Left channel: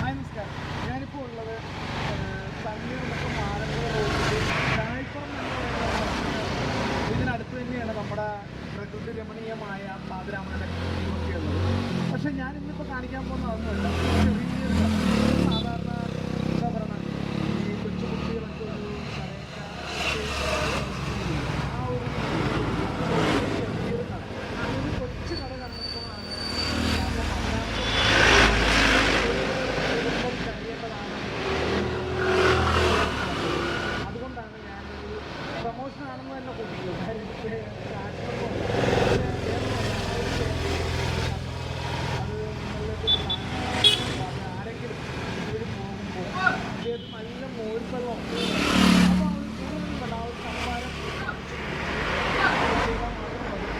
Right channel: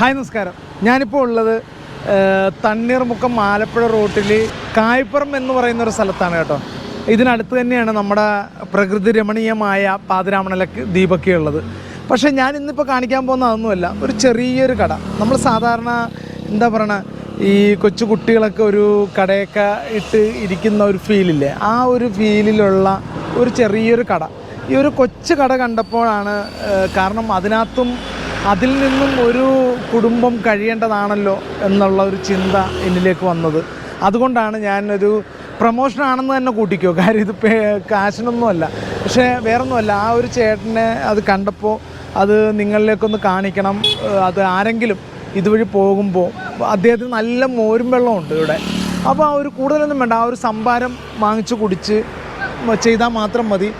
Hi നമസ്കാരം. ഞാനിപ്പോൾ ഉള്ളത് തണ്ണീർമുക്കം ആലപ്പുഴ റൂട്ടിൽ കായ്പുറം എന്ന് പറയുന്നൊരു സ്ഥലത്താണ് കേട്ടോ. ഇതിനടുത്ത് തന്നെയാണ് നമ്മുടെ പ്രകൃതി രമണീയമായ പാതിരാമണല ദ്വീപൊക്കെ ഉള്ളത്. പക്ഷേ ഞാൻ ഇന്നിപ്പോൾ കാണിക്കാൻ പോകുന്ന അതൊന്നുമല്ല, ഒരു ചെറിയൊരു കട. നമ്മൾ സാധാരണ എന്താ പറയണ ഈ കൊച്ചു കുട്ടികളൊക്കെ ഒരു കടയൊക്കെ ഇട്ട് ഇരിക്കുന്ന ഒരു ഫീലില്ലേ, ആ ഒരു ഫീലിലുള്ള ഒരു ചെറിയൊരു കട. ഈ ഒരു കൊച്ചു കട കണ്ടപ്പോഴാണ്, കാരണം അതിൽ നിന്നും ഒരു കുടുംബം കഴിയേണ്ടതാണല്ലോ എന്നുള്ള ഒരു ചിന്ത എന്നിലേക്ക് വന്നത്. അതുകൊണ്ടാണ് ഞാനൊരു പ്രൊമോഷനാണെന്ന് തന്നെ കൂട്ടിക്കോ, കാര്യം ഇത് കാശിനൊന്നുമല്ല, പക്ഷേ വേറൊന്നുമല്ല. ആ ഒരു ചേട്ടനെ അത് കണ്ടപ്പോൾ അത് നിങ്ങളിലേക്കൊന്ന് കാണിക്കണം. അത് ആരെങ്കിലും ഇതുവഴി പോകുമ്പോൾ അദ്ദേഹത്തിന് നല്ല മോരും വെള്ളമുണ്ട് ഇവിടെ. അപ്പോൾ ആ ഒരു കൂടുതലൊന്നും വേണ്ട, ആ ഒരു സംഭാരം വാങ്ങിച്ച് കുടിച്ച് ചെയ്താൽ മാത്രം മതി.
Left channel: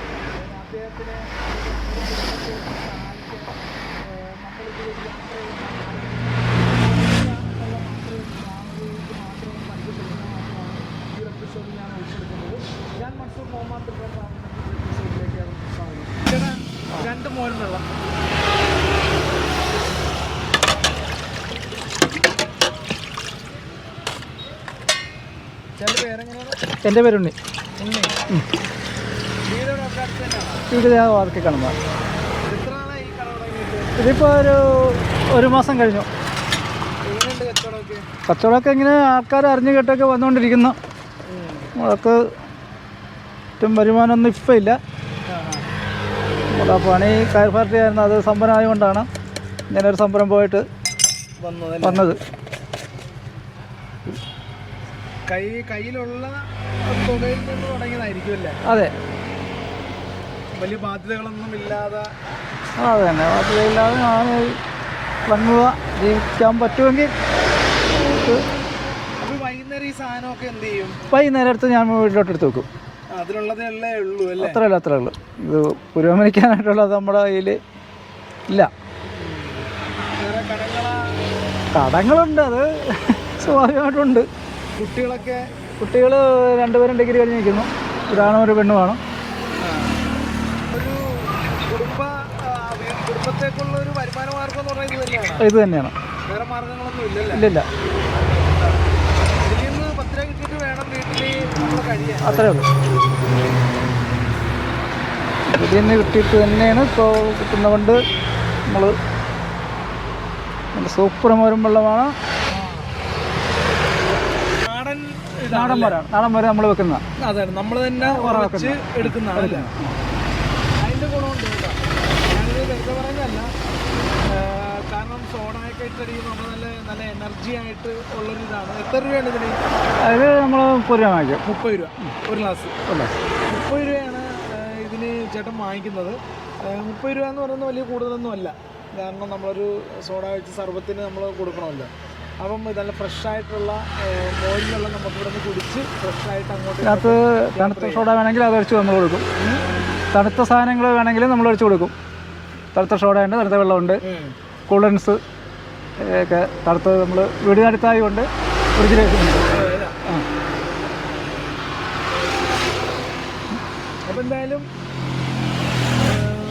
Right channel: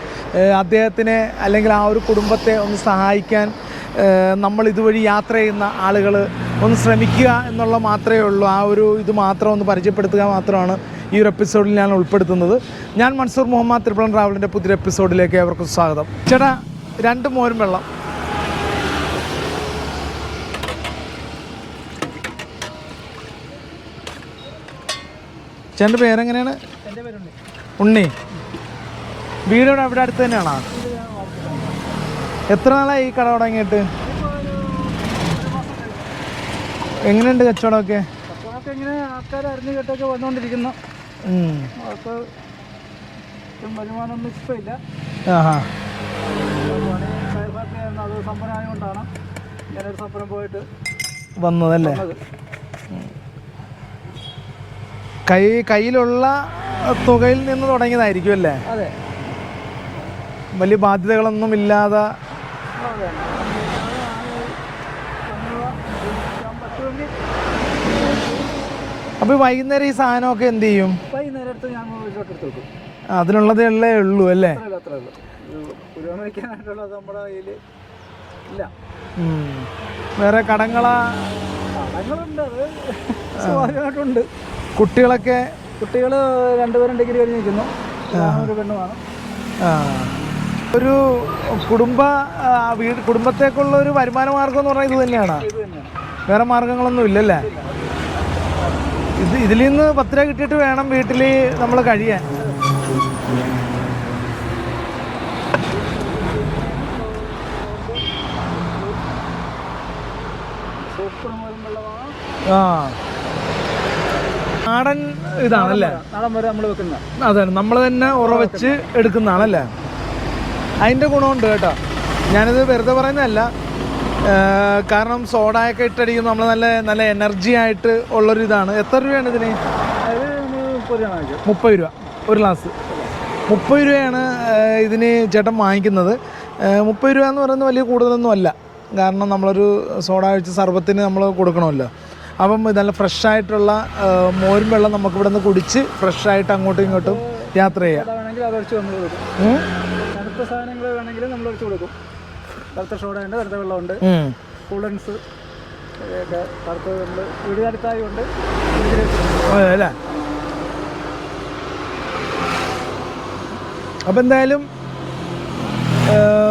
അദ്ദേഹത്തിനെ അല്ലെങ്കിൽ ആ ഒരു കുടുംബത്തെ ഒന്ന് സഹായിക്കാൻ നമ്മൾ ഇതുവഴി യാത്ര ചെയ്യുന്ന ആളുകൾ ഒന്ന് ശ്രമിക്കുക എന്നുള്ള മാത്രമേ ഉള്ളൂ. ആ ഒരു ഇത് മാത്രം ഒന്ന് പരിചയപ്പെടുത്തുക മാത്രമാണ് ഈ ഒരു എപ്പിസോഡിൽ ഞാൻ ഉൾപ്പെടുത്തുന്നത്. ഞാൻ മൻസൂർ മുഹമ്മദ്, ട്രിപ്പിൾ ട്രാവലിൻ്റെ പുതിയ എപ്പിസോഡിലേക്ക് ഏവർക്കും സ്വാഗതം. ചേട്ടാ, 2 മോരും വെള്ളം. ചേട്ടൻ്റെ പേരെങ്ങനെയാണ്? എൻ്റെ പേര് ഉണ്ണി. ഉണ്ണി. വീടോടെ അവിടെ അടുത്ത് തന്നെയാണോ? വീട് വാർക്കി കടമ്പ. എത്ര നാളായി ഈ കട തുടങ്ങിയിട്ട്? ഇതിപ്പോൾ ഒരു മാസം കഴിഞ്ഞു. എങ്ങനെയുണ്ട് കച്ചവടമൊക്കെ? കച്ചവടമൊക്കെ ഇങ്ങനെ ആൾക്കാർ അറിഞ്ഞു കേട്ടൊക്കെ വന്നുകൊണ്ടിരിക്കുന്നു. അതൊക്കെ വരുമാനമൊന്നും ഇപ്പം ഇല്ല. പണി കയർ പാർട്ടി ആയിരുന്നു, അത് സംഭരം ആയതുകൊണ്ടാണ് ഇങ്ങനെ ഒരു സംരംഭമായിട്ട് വന്നത്. കയ്യിലുള്ള തുകയിൽ നിന്ന് തുടങ്ങിയതായിരിക്കും അല്ലേ? അതെ, വലിയ ബാധ്യതകളൊന്നും ഇല്ലാതെ. അതെ തന്നെ, ബാധ്യതയില്ലാതെ വന്നത് ജീവിക്കാൻ പറ്റുമെങ്കിൽ. അപ്പോൾ വൈകുന്നേരം ഈ സാധനമൊക്കെ എന്ത് ചെയ്യും? വൈകുന്നേരം എടുത്ത് ഞാൻ വീട്ടിലോട്ട് എടുത്ത് വെക്കും. അതിനുള്ളതേ ഉള്ളൂ അല്ലേ? അത്രേ ഉള്ളൂ. ഇത് പുരോഗമിക്കാനായിട്ടുള്ളത് നമ്മുടെ കയ്യിൽ ഇല്ല. വേറെ കടങ്ങളുണ്ട്, അത് സ്വാഭാവികമായിട്ടുണ്ട്. കുട്ടികൾ 2 പേരും ഡിഗ്രി കഴിഞ്ഞ് നിൽക്കുന്നു. ഇതാണോ ഒരു പെണ്ണ് വേണം. ഒരു കുടുംബത്തേക്കുള്ള ഒരു വരുമാന മാർഗം എന്ന് പറഞ്ഞാൽ ഇത് തന്നെയാണ്. വേറെ മാർഗങ്ങളൊന്നും ഇല്ലല്ലേ? ഇല്ല. ഇതിൽ നിന്ന് 10 രൂപ കിട്ടിയിട്ട് വേണം വീട്ടിൽ നമ്മൾ കഴിയാൻ. അത്രേ ഉള്ളൂ. ഇതിൽ നിന്ന് കിട്ടിയിട്ട് തന്നെയാണ് ഇപ്പോൾ കിട്ടുന്നതുകൊണ്ട് നമ്മൾ സൂപ്പർ മോരും വെള്ളമാണ്. നാടൻ ഇതാണല്ലേ? നാടൻ മോര് നമ്മൾ വെക്കുന്നതാണ്. അതാണ്, നമ്മൾ തന്നെ ഉറവച്ച് എടുക്കുന്നതാണല്ലേ? അതിൻ്റെ ഗുണമുണ്ട് കേട്ടോ. ഞാനിത് വെറുതെ പറയുന്നതല്ല, കാരണം സോഡയൊക്കെ ഇട്ടടിക്കുന്നത് നമ്മൾ നല്ല എനർജി ആയിട്ട് ഉള്ളൊരു ഇതാണ്. എത്ര രൂപയാണ് ഇതിന്? അത് നമ്മൾ 30 രൂപ വാങ്ങിക്കാം. 30 രൂപ ഒരു ഗ്ലാസ്. 30 രൂപയാണ് ഇതിന് ചേട്ടൻ വാങ്ങിക്കുന്നത്. 30 രൂപ എന്ന് പറയുന്നത് വലിയ കൂടുതലൊന്നും അല്ല, കാരണം നമ്മളൊരു സോഡ ഒഴിച്ച് സർബത്തിന് നമ്മൾ കൊടുക്കണമല്ലോ. അപ്പം നല്ല ഫ്രഷായിട്ടുള്ള മോരും വെള്ളം നമുക്ക് ഇവിടെ നിന്ന് കുടിച്ച് ഫ്രഷായിട്ട് അങ്ങോട്ടും ഇങ്ങോട്ടും യാത്ര ചെയ്യാം. സോഡ വേണമെങ്കിൽ അതടിച്ച് നമ്മൾ കൊടുക്കും. തണുത്ത സാധനങ്ങൾ വേണമെങ്കിൽ നമ്മൾ ഒഴിച്ച് കൊടുക്കും. തണുത്ത സോഡ ഉണ്ട്, തണുത്ത വെള്ളമുണ്ട്, കൂളൻസ് ഒക്കെ തണുത്ത് നമ്മൾ വീട് അടുത്തായി കൊണ്ട് അല്ലേ? അപ്പം എന്തായാലും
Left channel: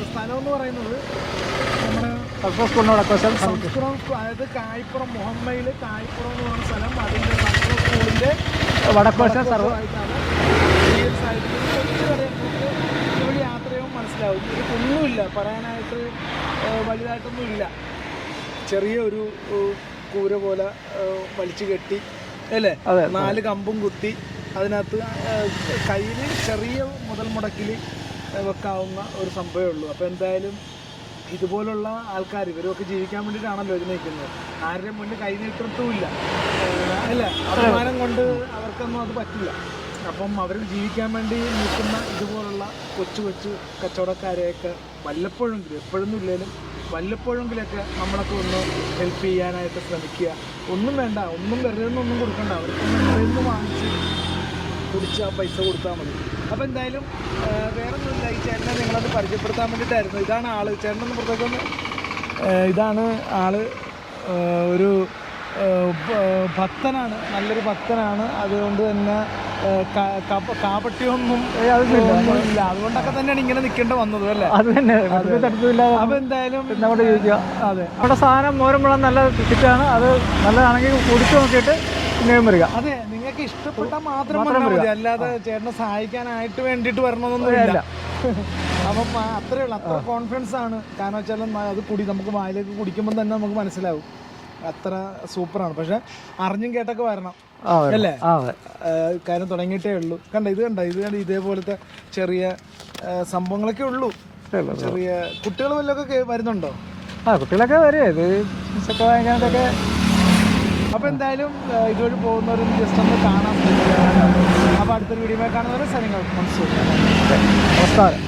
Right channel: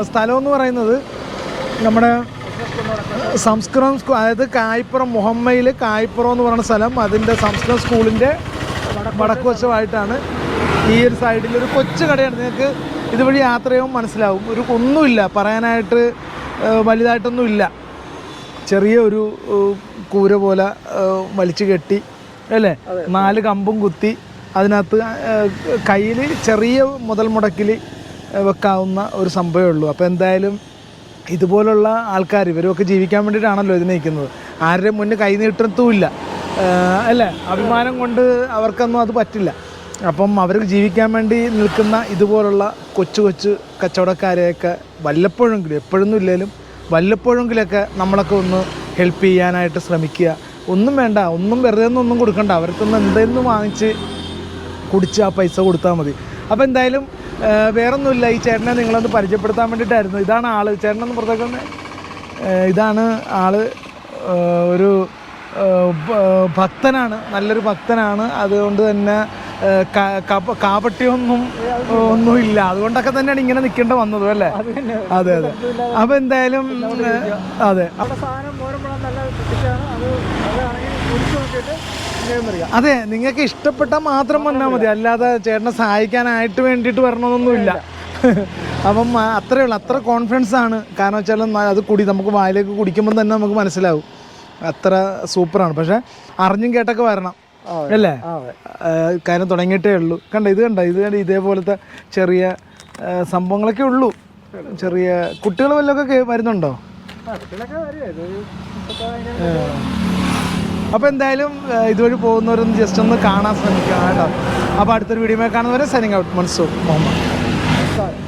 സ്ഥലം എന്ന് പറയുന്നത് നമ്മുടെ സംസ്കൃതം സ്കൂൾ, അതായത് കായ്പുറം, മുഹമ്മയിൽ കായ്പുറം എന്ന് പറയുന്ന സ്ഥലം. അതിൻ്റെ സംസ്കൃത സ്കൂളിൻ്റെ വടക്കുവശമായിട്ടാണ് ഈ ഒരു സൈഡിൽ ഒരു കൊച്ചു കടയാണ്. നിങ്ങൾക്ക് ഇതുവഴി യാത്ര ചെയ്യുമ്പോൾ മനസ്സിലാവും. ഒന്നുമില്ല പറയാനായിട്ട്, വലുതായിട്ടൊന്നും ഇല്ല. ചെറിയ ഒരു കൂര പോലെ വലിച്ചു കെട്ടി അല്ലേ, 4 കമ്പും കുത്തി അതിനകത്ത് കയ്യിൽ ചെറിയ മുതൽ മുടക്കിൽ വെക്കാവുന്ന ഒരു സംഭവമേ ഉള്ളൂ. അപ്പോൾ എന്തായാലും ഇതുപോലുള്ള ആൾക്കാർ, ഇവരൊക്കെ ജീവിക്കാൻ വേണ്ടിയിട്ടാണല്ലോ ഇതിനെ നിൽക്കുന്നത്. ആരുടെ മുന്നിൽ കൈ നീട്ടത്തുമില്ല അല്ലേ? അഭിമാനം കൊണ്ട് അവർക്കൊന്നും അത് പറ്റില്ല. അപ്പം അവർക്ക് ജീവിക്കാൻ വേണ്ടി നിൽക്കുന്ന ഇതുപോലുള്ള കൊച്ചു കച്ചവടക്കാരെയൊക്കെ വല്ലപ്പോഴെങ്കിലും, എപ്പോഴൊന്നും ഇല്ലെങ്കിലും വല്ലപ്പോഴെങ്കിലൊക്കെ നമ്മളൊക്കെ ഒന്ന് ഹെൽപ്പ് ചെയ്യാനായിട്ട് ശ്രമിക്കുക. ഒന്നും വേണ്ട, ഒന്നും വെറുതെ ഒന്നും കൊടുക്കണ്ട, അവർക്കൊന്ന് എന്തെങ്കിലും വാങ്ങിച്ച് കുടിച്ച് ആ പൈസ കൊടുത്താൽ മതി. അപ്പോൾ എന്തായാലും വേറൊന്നുമില്ല, ഈ ചേട്ടനെ നിങ്ങളൊന്ന് പരിചയപ്പെടുത്താൻ വേണ്ടിയിട്ടായിരുന്നു. ഇതാണ് ആള്. ചേട്ടനൊന്ന് പുറത്തേക്കൊന്ന്. ഇതാണ് ആള്. ഒരു ഭക്തനാണ്, നല്ലൊരു ഭക്തനാണ്. അതുകൊണ്ട് തന്നെ കാപട്യമൊന്നും ഒന്നുമില്ല. അതുകൊണ്ടൊക്കെ തന്നെയാണ് ഇങ്ങനെ നിൽക്കേണ്ട വന്നത് അല്ലേ? അതെ. അപ്പൊ എന്തായാലും അതെ, അവിടെ സാധനം മോരുമ്പഴം നല്ല ഫിറ്റാണ്. അത് നല്ലതാണെങ്കിൽ കുടിച്ചു നോക്കിയിട്ട് ഞാൻ വരിക. അതെ, നിങ്ങൾക്ക് ഇഷ്ടപ്പെട്ടാൽ മാത്രം വന്നാൽ മതി, അല്ലാതെ ചേട്ടനെ സഹായിക്കാനായിട്ട് വേണ്ടിയിട്ട് വരണമെന്നൊന്നുമില്ല. അപ്പം അത്രേ ഉള്ളൂ, അത്ര കോൺഫിഡൻസ് ആണ്. കാരണം വെച്ചാൽ അത് നമുക്ക് വായിലേക്ക് കുടിക്കുമ്പോൾ തന്നെ നമുക്ക് മനസ്സിലാവും അത്ര സൂപ്പറാണ്. പക്ഷെ അറിഞ്ഞും കേട്ടൊക്കെ വരണം അല്ലേ? കാര്യം തുടങ്ങിയിട്ടേ ഉള്ളൂ. ഇത് കണ്ട ഇതേപോലത്തെ ചെറിയ സംഭവങ്ങളൊക്കെ ഉള്ളൂ. ചെറിയ കുട്ടികൾ വല്ലതൊക്കെ വരുന്നുണ്ടോ? കുട്ടികളൊക്കെ വരും. ഇത് അപ്പോൾ എന്തായാലും ഇതുവഴി പോകുന്നവരൊന്ന് ജസ്റ്റ് ഒന്ന് കാണാൻ ശ്രമിക്കാം. അപ്പോൾ അടുത്തൊരു വീഡിയോ കാണുന്നവരെ സൈനിങ് ഔട്ട്. മൻസൂർ. നമസ്കാരം.